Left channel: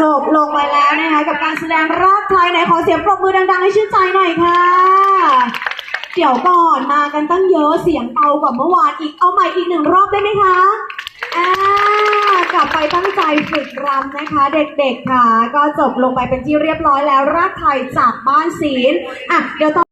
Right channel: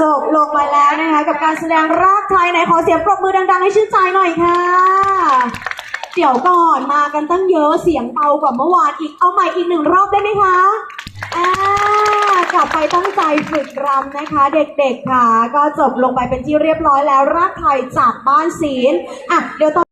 จบลงไปแล้วนะคะกับการแสดงรากไทยไหนขอเสียงปรบมือดังๆ ให้ชื่นใจหน่อยค่ะ เดี๋ยวก่อนมากันตั้งเยอะเสียงเบากว่าเมื่อวานอีกเอาใหม่อีกหนึ่งรอบได้ไหมคะอ่ากลับไปตั้งใจฝึกรำนะคะ เด็กๆค่ะ ก็จบลงไปเป็นที่เรียบร้อยแล้วรากไทยจากบ้านศีลอะเดี๋ยวต่อ